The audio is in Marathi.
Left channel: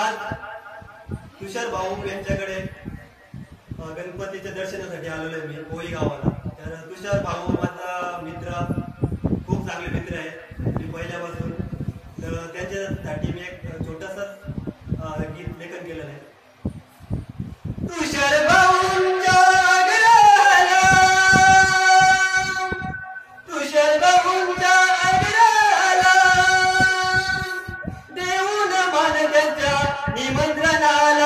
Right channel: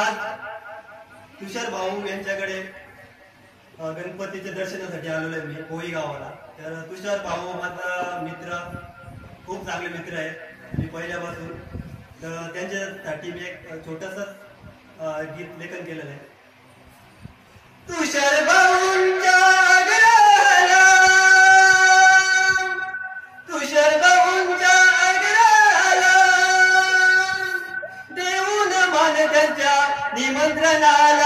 आज तुषार भाऊ यांच्याकडे गणपतीच्या दर्शनासाठी आलेलो आहे मी कोळी गावाला. तर तुषार भाऊ माझा मित्र, खूप चांगले मित्र आहे मी पहिल्यापासून. तर त्यांच्यासाठी मी एक छोटासा गीत लेखन केलेलं आहे. तुषार भाऊंच्या आग्रहाला, तुषार भाऊंच्या आग्रहाला देऊन मान त्यांच्या निमंत्रणाला